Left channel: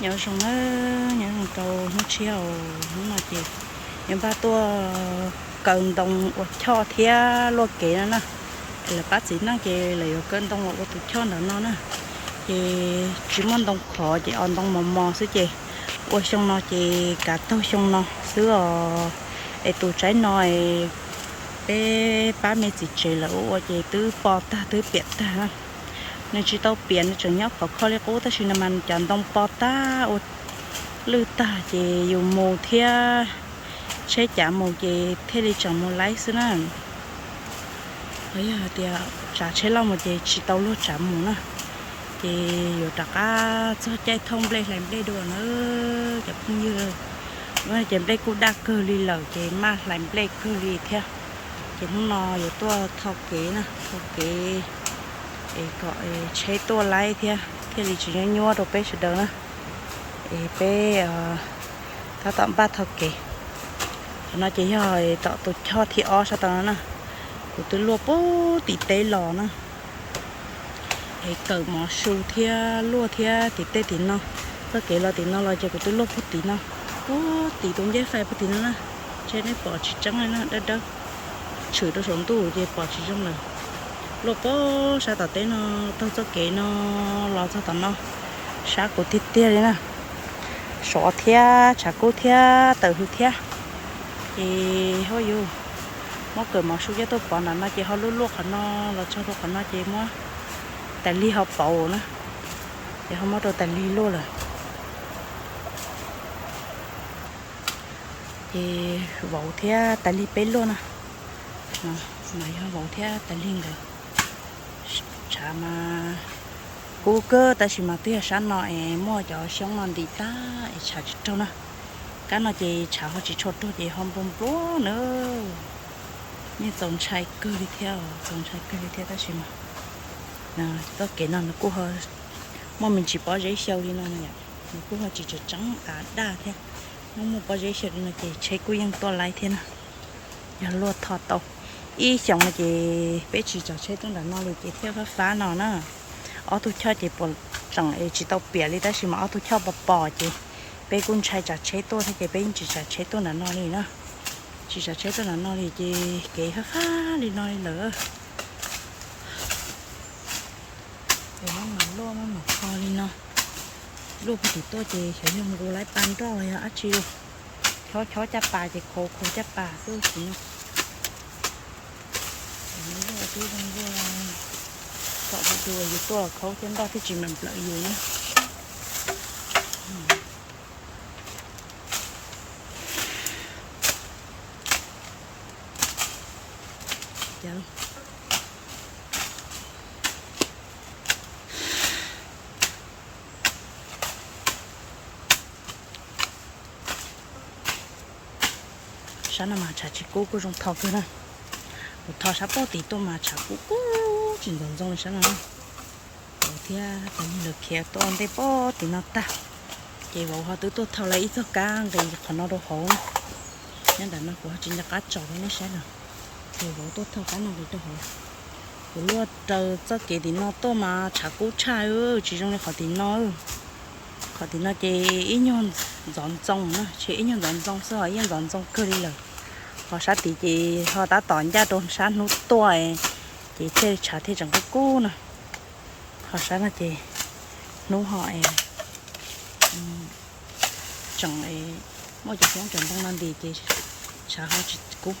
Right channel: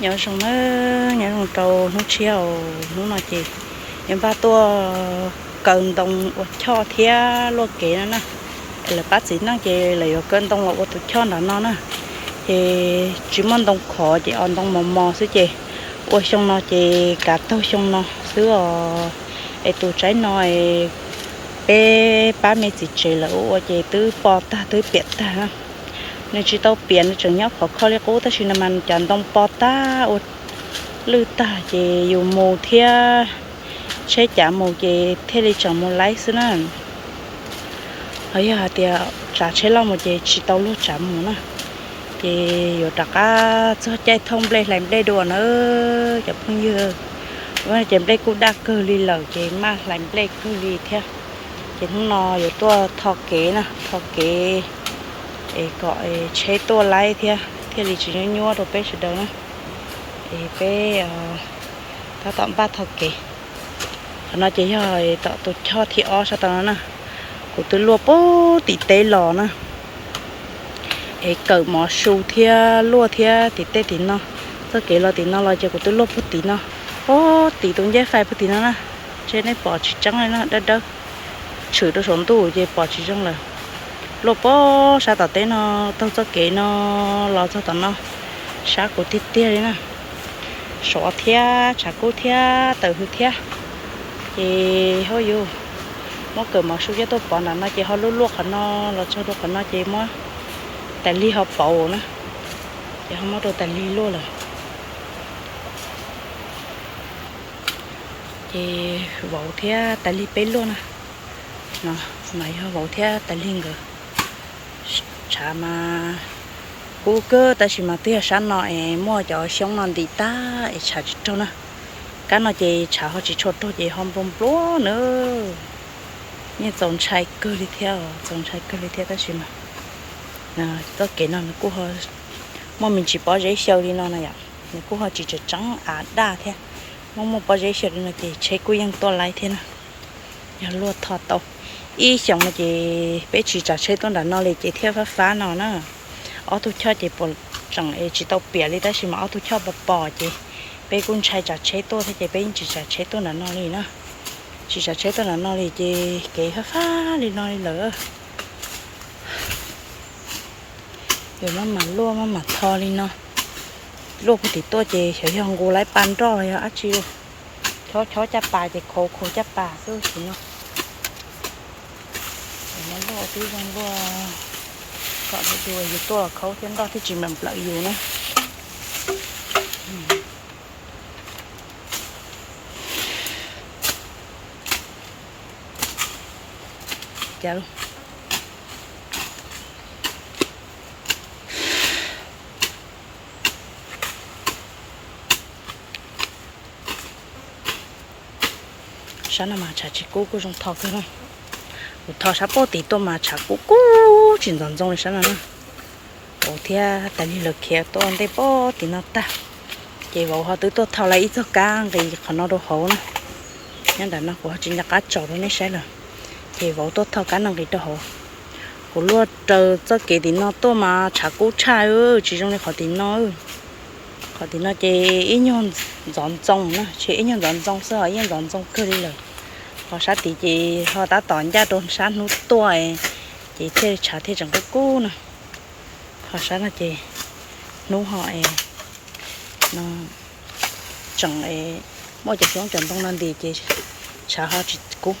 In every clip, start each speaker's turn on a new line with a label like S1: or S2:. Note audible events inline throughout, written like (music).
S1: nhớ xong nó, nhớ xong trâu nó chiều, nó nói chị. Em ba tua cần đồng cho thia luôn kỹ nữa nè. Là bác sĩ nó chị là có cần đồng là tụi cho nó nó nè. Chị chỉ mong đồng khó chị ăn đồng mò mò xứ chị. Ôi xong nó chị cả tao xong nó xứ ở ai tụi trái nói bé, ba mẹ chị chị là ôi chị tứ bò ta, tứ biệt ta ha nên chỉ tao biển chẳng nhóc khó khó lấy cố ta chỉ làm ăn chẳng đông bò ta. Ôi lư ta chị dùng mù thia. Chế chả mù chị thế đi chẳng mù lấy xứ nè ấy à thì à, trả chế lo một chị chỉ tao lúc chả mù nè chị dù đặc á, cho chạy thông lên làm đây đùa nữa chả phong như và chị đây cũng đã cơ li lẩu chị mà làm đây cơ li theo chị không dù rồi tôi thọ kế nè thọ kế ấy gọi chế tua lại thia. Thia thì chỉ nhua đồ bé sẽ đâu nữa ấy bé ta tạm ba thọ kế nó chỉ hỏi tạo tôi cho thì o sao tao nè của tôi lúa bố tí tê lò nè ấy cỡ mỏ su thia lúa thia tỉ tê tí nó tôi kể lo tí nó lo cho của tôi lúa bố tí nó ô tỉ tôi dễ phải bố tí nó nè trên này bỏ chỉ trắng này nó đất đất chửi tôi xuống tủ về bỏ chỉ trắng là lúa bố sao tao tê nó, tao cho kể nó, lo cho tao nó. Sao của tí tê đấy nè. Sọ thia chả cô thia từ hư thia thì thôi dù. Mà cỡ mà suy cho tôi bỏ nó nó chỉ họ lúc lúc nó là cho tôi nó chỉ mà tại ly họ bỏ nữa chỉ không có đồ tại ly luôn rồi. Thì vậu thế tại ly bé luôn à nó, mày họ vậu thế tại ly ngờ cha mà cô cơ, ta chỉ mà tia sáng nọ em mua cho xong non đi ta em chả cho nó cái nó chỉ chả họ chỉ cho tôi chỉ không bông bố nữa. Như tổng trai cơ đi theo tổng trai cơ đi theo ta chỉ mà. Nè tất cả nó cũng họ mà mình chỉ bỏ giấy sâu đi nó này à. ạ nó cũng họ chỉ chỉ trắng à đa thế. Mà mà bỏ giấy sâu đi nó chỉ yên to lại thế nè. Giờ lúa thọ tàu. Ý xong là chỉ bé chỉ trả trái tôi đã nó lại chỉ theo phá phá nó nè ở tôi cho chỉ bỏ chẳng chỉ tàu bìa đi ta chỉ mà ở tôi cho bỏ bỏ chỉ bé cũng chạy trả chế tôi thì chị bé chỉ trả chế tôi là nó đi nữa chỉ trả chế tôi là nó đi chị kể phá phá đi nó đi lỡ rồi mà mà lúa mà mà thò đi nó lúa thì tôi chị sẽ không cô lấy pan cho rồi á chiêu chó chó chắp bà chị khổ khổ chắp bà cứ chị nó rồi nó lo tí rằng lúa cọ được đùa thì tôi khấu trên đó thì chỉ mình lợi dù nữa chào sáng nào mà chả chỉ cố cố trong thọ thôi này một thọ tôi này nào tôi nó ta. Tôi lại ít thì nó nó. Của chỉ là cá trò này sẽ là. Thì vào tôi thao cá năng cái đó của lúa chờ cho cái thì nó tôi mà chả cố chai ơ chỉ trong này khỏi thì nó khỏi thì nó chỉ ít nhon trồng nữa chỉ ít nhon trồng sao ít nhon trồng cơ đi rồi họ sát thì chị, họ đã tỏn ra đồn sát nút tuổi chị thế trả thế chẳng có cú nè họ sát là chị. Nú họ nó chẳng ấy. Mỗi chị xuống chẳng bông non thì chị. Trả họ chỉ cú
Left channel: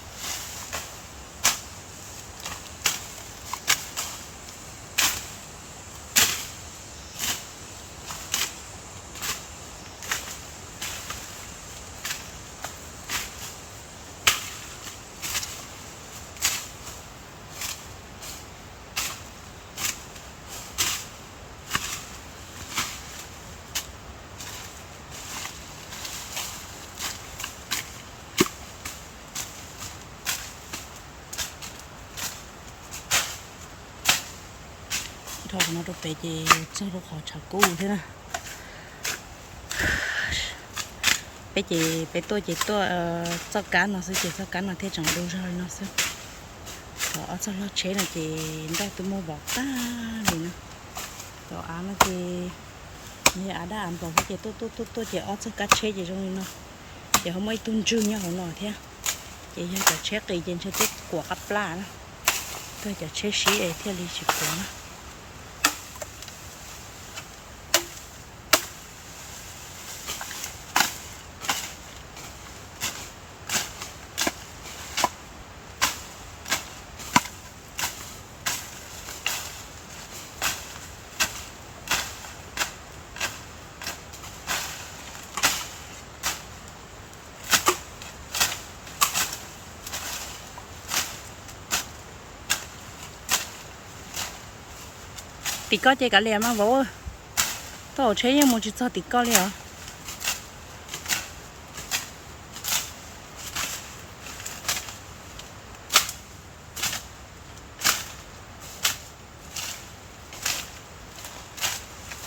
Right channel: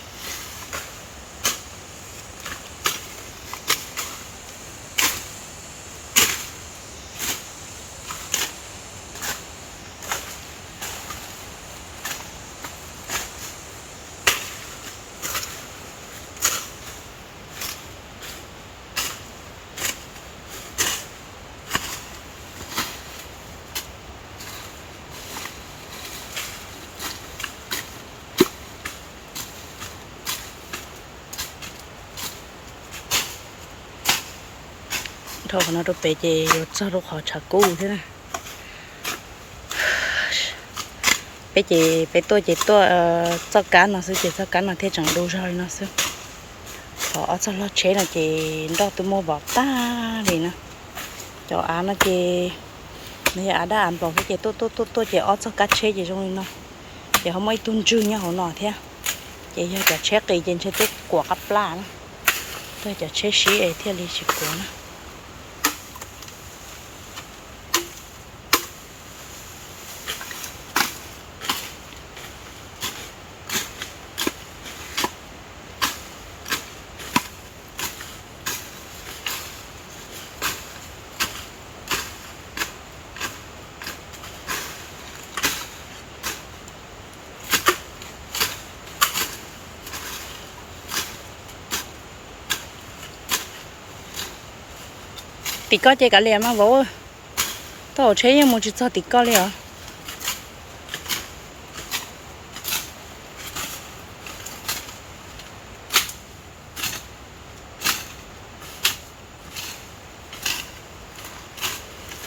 S1: cho nó đâu bé chè cho đâu họ chả cũ thế nè bé chè bé tôi chè tôi cho cá nó sẽ chè cho cá nó thế chẳng đủ rồi nó sẽ họ cho nó chế là chè đó tôi mua bỏ ta thì nè cho á nó chè này à đã ăn bỏ cái chè tôi tôi tôi tôi chè ót cho cá chế chè trong nó. Chè không mấy tuân chư nhau họ nọ thế à. chè cho chả chế cái trên chế tiếp quả cá lá nữa tôi chả chế xí ấy thế lý chỉ quả nữa tì có chơi cả liền mà vỗ chơi chế một chút cho tì có liền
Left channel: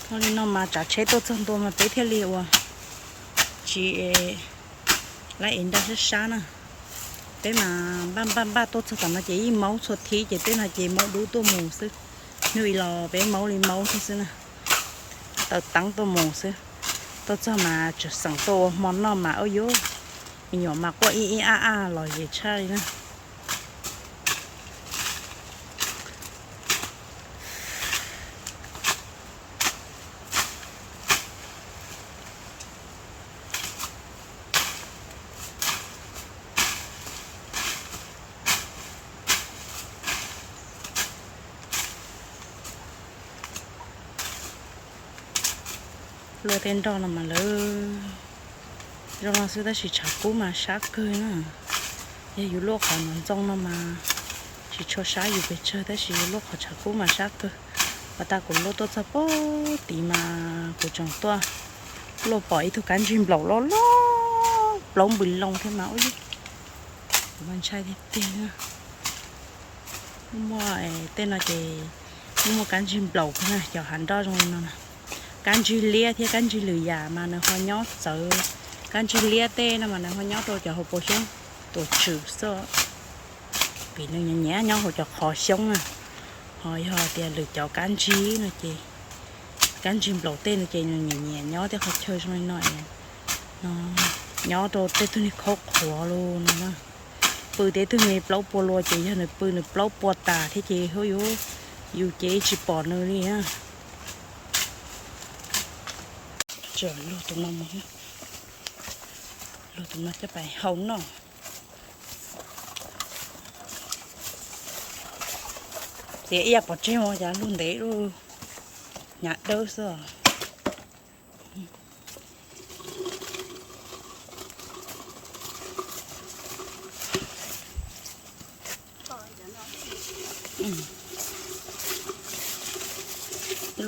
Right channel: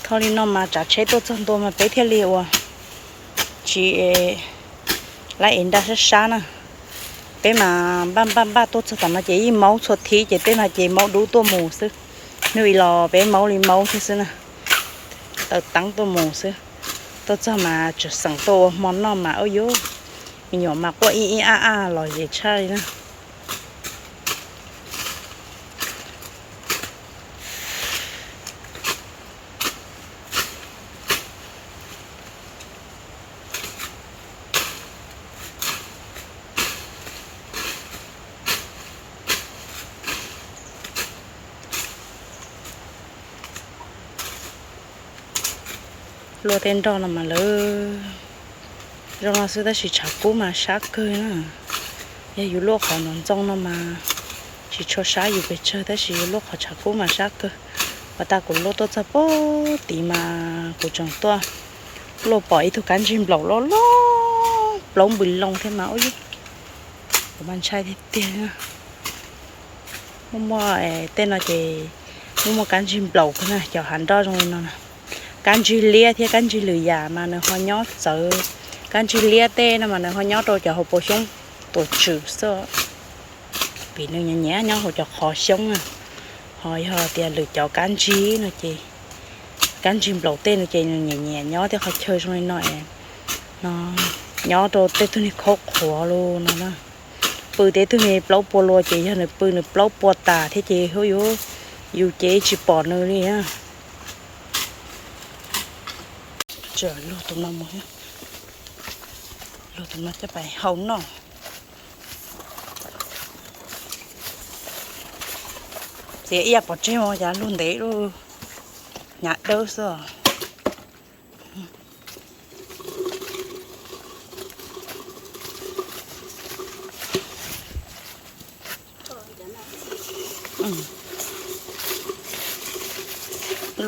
S1: thôi nó mà trả chơi tôi hơn tôi mà tới thế liệu à. Chỉ ờ, lại in đã rất sao nè. Bé mà ba ba ba tôi chơi tầm mà chị máu xuất thí, chị tên là chị máu đủ tua mù sức nuôi lò bé máu lên máu thế xưa nè. Tao tăng tôi mù xưa. Tôi cho mà chuẩn sẵn tô, món nó mà ôi dô nhỏ mà có y y, a a lò về chơi nữa lô tên đó là mà lỡ rồi mà sẽ ta chỉ chả cố mà sát cơ nữa giờ dù lô họ nón trong nó mà chỉ cho sát dù về chơi ta chỉ lô họ chả cú mà sát cơ và ta cũng lô tôi chả bó tí mà của chồng tôi lô bỏ ý thôi cán chim lẩu lô lô lông bùi lông thế máu chứ của bạn trai thế tiền nữa mua tên là chỉ mua một cán chim lẩu cái này giờ hắn đó rồi nó này กยนะอย่าอยู่โลกขอนอนจ้องนมาสิชดช้าอยู่ไปเจอได้สิโลกขอชากูมาชักเกยว่าตากุโลตัวจะโปตีมากูจังตัวโลปล่อยทุกการจิมเปล่าล้อล้อปลงบุญลงแค่มาโอ้ยมันใช่ที่เตี้ยนะมั่วเต้นอะไรมั่วการจิมเปล่าขนาดเจ้าหันดอตรงนั้นนะ can chi lia thì can chi lười già mà nó hoa nhót sợ can chi lia tê nó mà nó hoa nhót rồi cho họ bổ sung tổ trừ sơ vì nó nhẹ nhẹ nhau họ cho khó sống à hỏi họ thì lựa chọn can chi nó chị can chi đầu tên nó chị nó nhẹ nhẹ nhó thì họ chơi xong nói nó nhó đồ tê tôi này khó khó luôn nó nó bự tê tôi này blau bò lo chị cho nó bự nó blau bò tà thế chờ lô tụi nó mới lô tụi nó cho bài hồng nó. Sẽ ia bỏ chơi mà giá luôn đấy luôn nhạt đâu rồi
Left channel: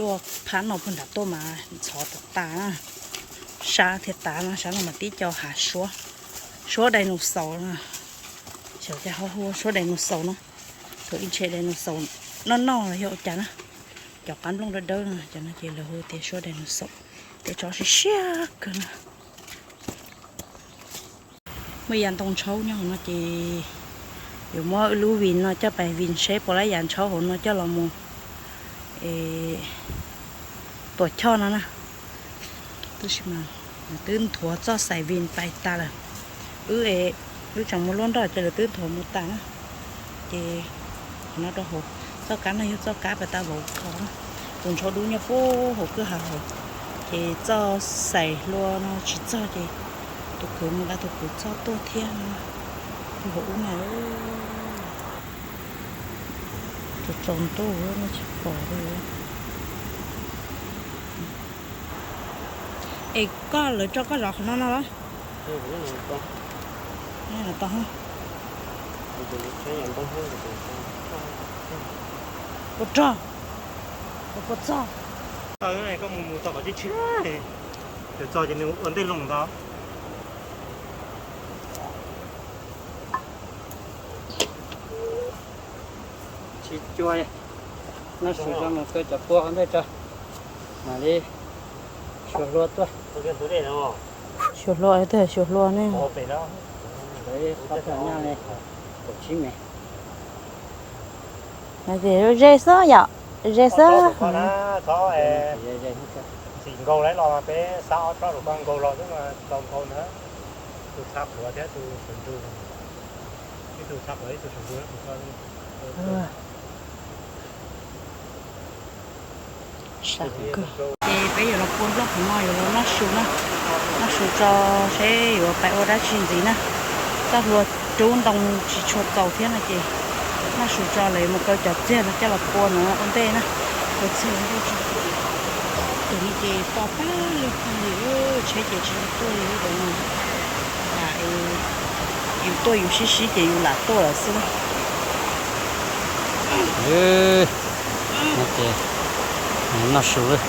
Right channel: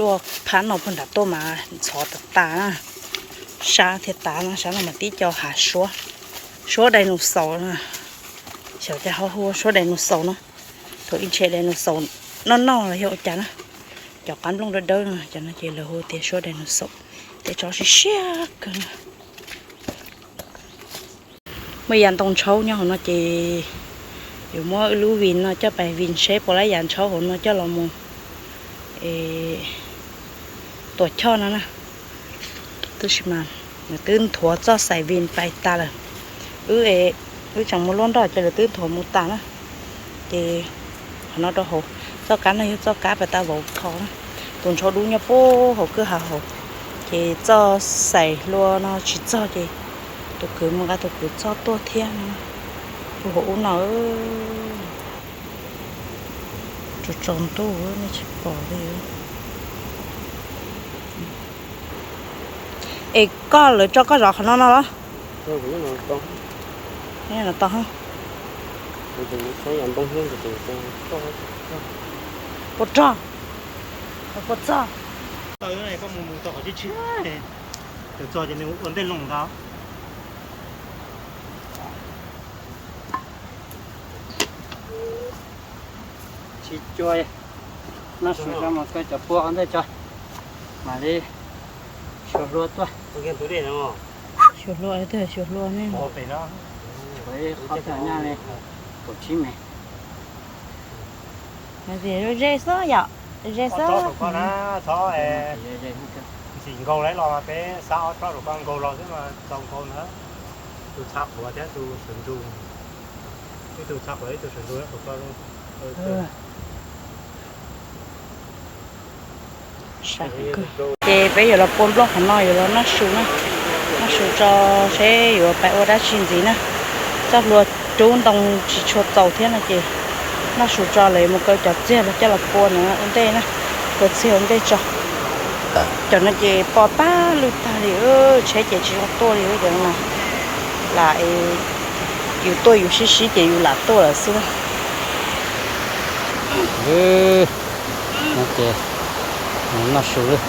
S1: luộc phán nó phân đạp tô mà xó tập tá sa thì tá nó sáng mà tí cho hạ số số đây nó sầu nè cho họ hô số đây nó sầu nó thôi in chế đây nó sầu nó no là hiệu chả nó cho cắn lông đỡ đơn cho nó chỉ là hô tiền số đây nó sầu để cho xí xia cơ mấy dàn tông châu nhau nó chỉ dù mua lưu vin nó cho bài vin xếp bỏ lấy dàn hồn nó cho là mua cho nó nè tôi xin mà tương thua cho xài viên phải ta là ư ế ư chẳng muốn luôn đòi cho là tương thua một ta nè thì nó đó hồ cho cá này cho cá phải ta bỏ thò tuần cho đúng nhập phố hồ cứ hà hồ thì cho xài luôn nó chỉ cho gì tôi cứ một cái tôi cứ cho tôi thêm tôi hổ nó cho tròn tôi nó chỉ bỏ đi ê có lỡ cho có rõ nó nó đó? Nghe là to hơn. Bột cho bột tao
S2: cái này có mù mù có chứ chứ. Để cho cho nên ổn định lòng đó.
S3: Chỉ cho nó sửa ra một cái chợ búa ăn đây cho. Mà đi tôi
S1: chuột lúa ấy thôi chuột lúa này
S3: với khó thở nha này. Cậu chín mày
S1: là gì rồi rê sơ vậy rê xịn gầu đấy lo mà bé sao cho được con gầu lo thế mà lòng con nữa. Tôi thắp của thế tôi sườn tôi. Cái tôi thắp ấy tôi sườn tôi tôi coi luôn sạc bây giờ là buôn block hắn nói rồi nó xuống nữa nó xuống cho sẽ ở bài ô đã xin gì nữa chắc luôn trốn đồng chỉ chuột tàu thế này chị nó xuống cho lấy một câu chặt chết là cho là buôn nữa ổn tê nữa rồi xe ổn tê cho. Cho nó chị bỏ ba lượt ta thì ơ chế chị chỉ có tôi thì ơ là lại dù tôi dù xí xí chị dù là tôi là xưa
S3: Ừ, nó chè nó sụp rồi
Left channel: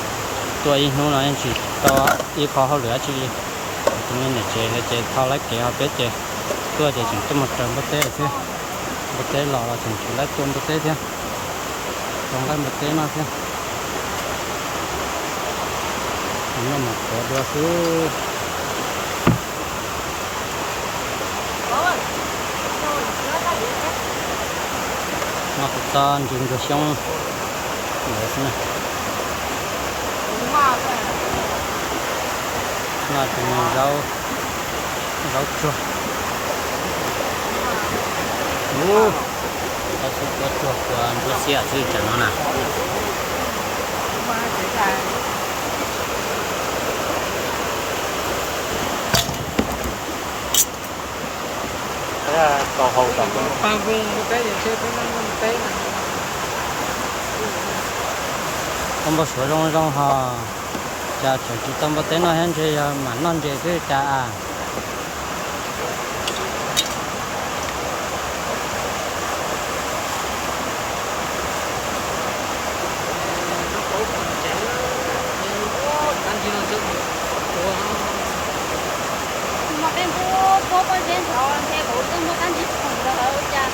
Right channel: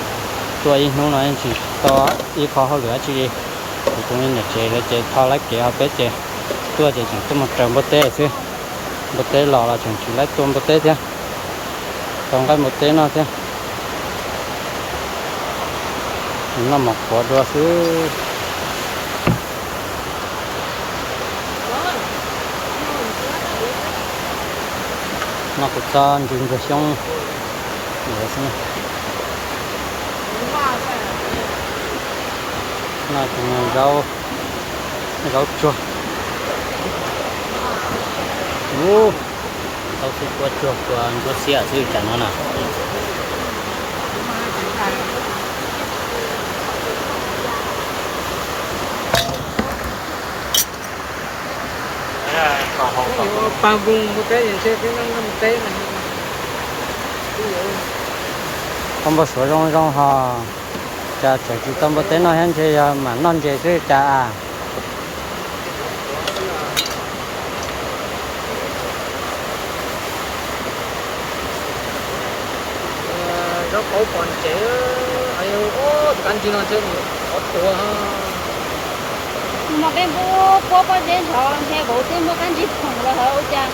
S3: tôi nó nói chỉ to ít khó hơn nữa chỉ tôi nên chế là chế thao lấy kẹo bé chế, tôi chế chẳng tôi một trường bớt tê chứ. Bát tê lò là chẳng chỉ lấy tôi bớt tê chứ. Còn cái một tê nó chứ. Nó mọc quả đua chứ nó cũng cho chừng rồi xong để thế nào. Là trồng rau. Rau chua ô rau sẽ qua chuột qua ăn chua xía chứ chả nó nào. Thế là tàu hồng tàu bằng vùng một cái gì thế nó nó một cái là không bao số rong rong ha cha chờ chỉ tâm bao tên nó hen chơi à, mà non chơi chơi cha à. Nó cổ còn trẻ ai có căn chi nó chơi, có chùa ha mà cái bố bố có đến họ thế bố cứ mua cái gì cũng là họ cha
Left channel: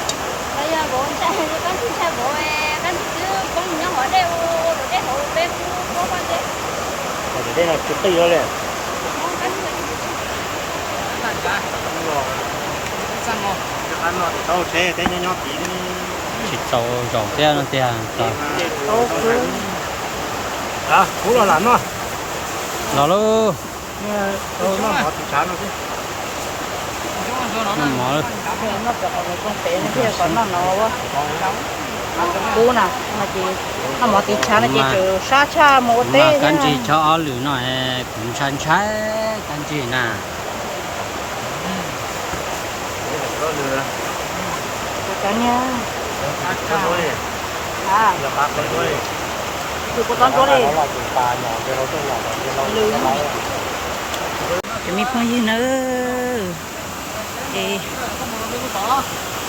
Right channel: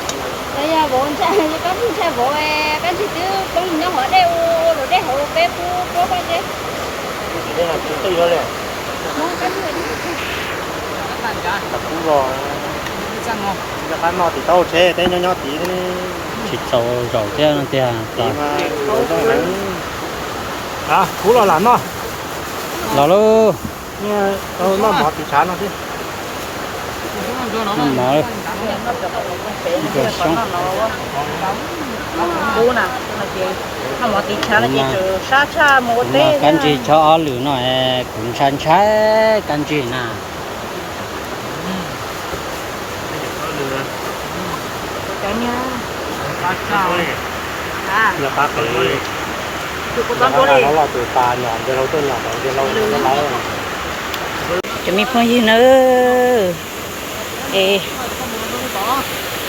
S3: bây
S4: giờ bố xe có cái bố về cái gì cứ con nhỏ họ đeo rồi đeo họ bé bố bố có đây là rồi nó cái gì bạn cả cũng rồi sao mà nó à rồi à cú lo
S3: ăn cho nó nó mở rồi xong
S1: mà chị nó mà. Tí chả là Mà- chị chủ sa cha một mà cái gì cho ở lửa nó cũng san trái cái gì nè cả nha cá cao à nhiều cá con nuôi tôi có tóm chỗ đi nó là từ pha nhỏ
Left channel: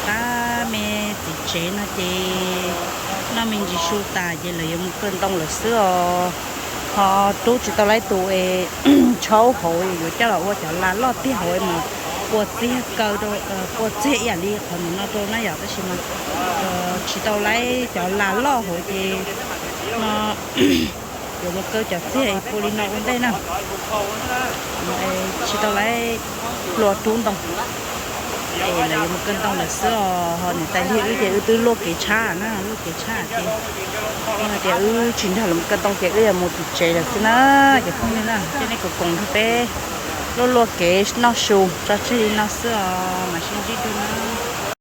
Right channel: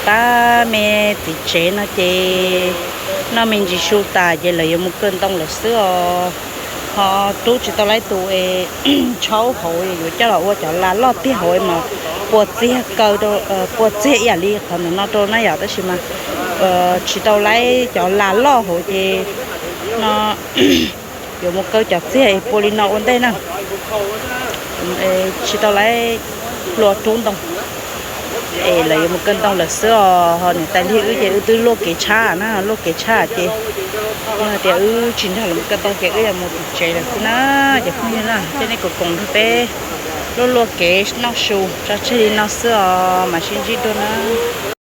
S1: ta mẹ thì chế nó chê. Nó mình chỉ sưu ta vậy là một cơn tông là sữa. Họ chú chỉ tao lấy tụi (clears throat) cháu hội rồi cho là ô cháu là lo tí hội mà bộ chế cầu đồ bộ chế nhà li còn nó đồ nó giờ đó xí mà. Ờ chỉ tao lấy cháu là lo hội gì nó 有么搞叫这些玻璃脑问题呢？嗯，诶，吃到来落中东。Ê lấy một cân tông là sữa họ này tại vì thì ư tư lúa cái cha na, lúa cái cha chị mà thì ư chính là một cân tông thì ư là một chế là cái na, chỉ không như là cái này cũng còn thôi bé lúa lúa cái nó sù cho chơi nó sữa mà xin gì đâu nữa